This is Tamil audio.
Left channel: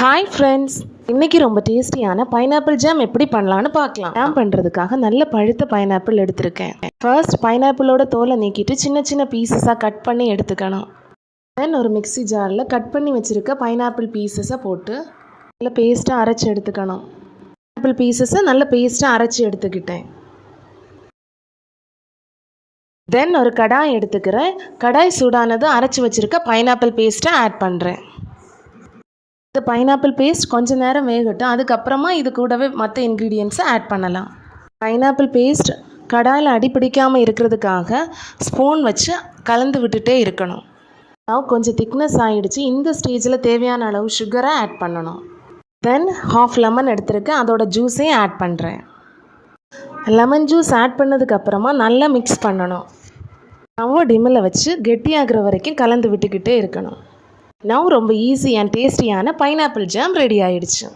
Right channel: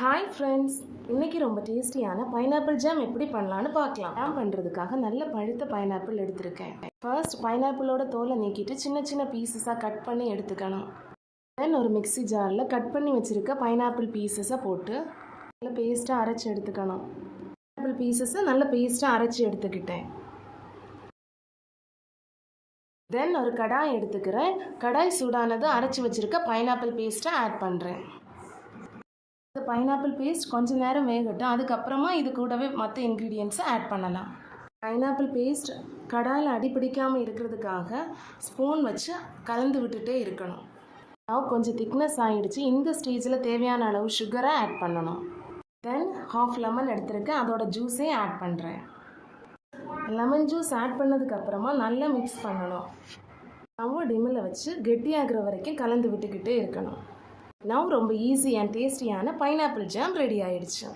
ஹாய் ஃப்ரெண்ட்ஸ், இன்றைக்கி ரொம்ப டேஸ்டியான பைனாப்பிள் ஜாம் எப்படி பண்ணலான்னு பார்க்கலாம். ஜாம் பண்ணுறதுக்காக நல்ல பழுத்த பைனாப்பிள் எடுத்திருக்கேன். ஃபர்ஸ்ட் பைனாப்பிளோட தோலை நீக்கிட்டு சின்ன சின்ன பீசஸாக கட் பண்ணி எடுத்துக்கணும். தென் ஒரு மிக்ஸி ஜாரில் கட் பண்ணி வச்சுருக்க பைனாப்பிள் பீசஸை போட்டு நல்ல பேஸ்ட்டாக அரைச்சி எடுத்துக்கணும். பைனாப்பிள் பீசஸை நல்ல பேஸ்ட்டாக அரைச்சி எடுத்துக்கிட்டேன். தென் ஒரு கடாய் எடுத்துக்கிறேன். கடாய் சூடானது அரைச்சி வச்சுருக்க பைனாப்பிள் பேஸ்ட்டை ஆட் பண்ணுறேன். இந்த பைனாப்பிள் பேஸ்ட் கொஞ்சம் நேரம் வேகட்டும். அதுக்கப்புறமா இது கூடவே மற்ற இன்க்ரீடியன்ட்ஸை ஆட் பண்ணலாம். பைனாப்பிள் பேஸ்ட் கடாயில் அடிப்பிடிக்காமல் இருக்கிறதுக்காக ஸ்பூன் வச்சு கலந்து விட்டுட்டே இருக்கணும். கொஞ்சம் திக்னஸ் ஆகிடுச்சு. இந்த ஸ்டேஜில் தேவையான அளவு சுகரை ஆட் பண்ணணும். தென் ஹாஃப் லெமன் எடுத்துருக்கேன், அதோட ஜூஸையும் ஆட் பண்ணுறேன். லெமன் ஜூஸ் ஆட் பண்ணதுக்கப்புறமா நல்லா மிக்ஸ் பண்ணணும். டிம்மில் வச்சு கெட்டியாகிற வரைக்கும் கலந்து விட்டுக்கிட்டே இருக்கணும். ரொம்ப ஈஸி அண்ட் டேஸ்டியான பைனாப்பிள் ஜாம் ரெடி ஆயிடுச்சு.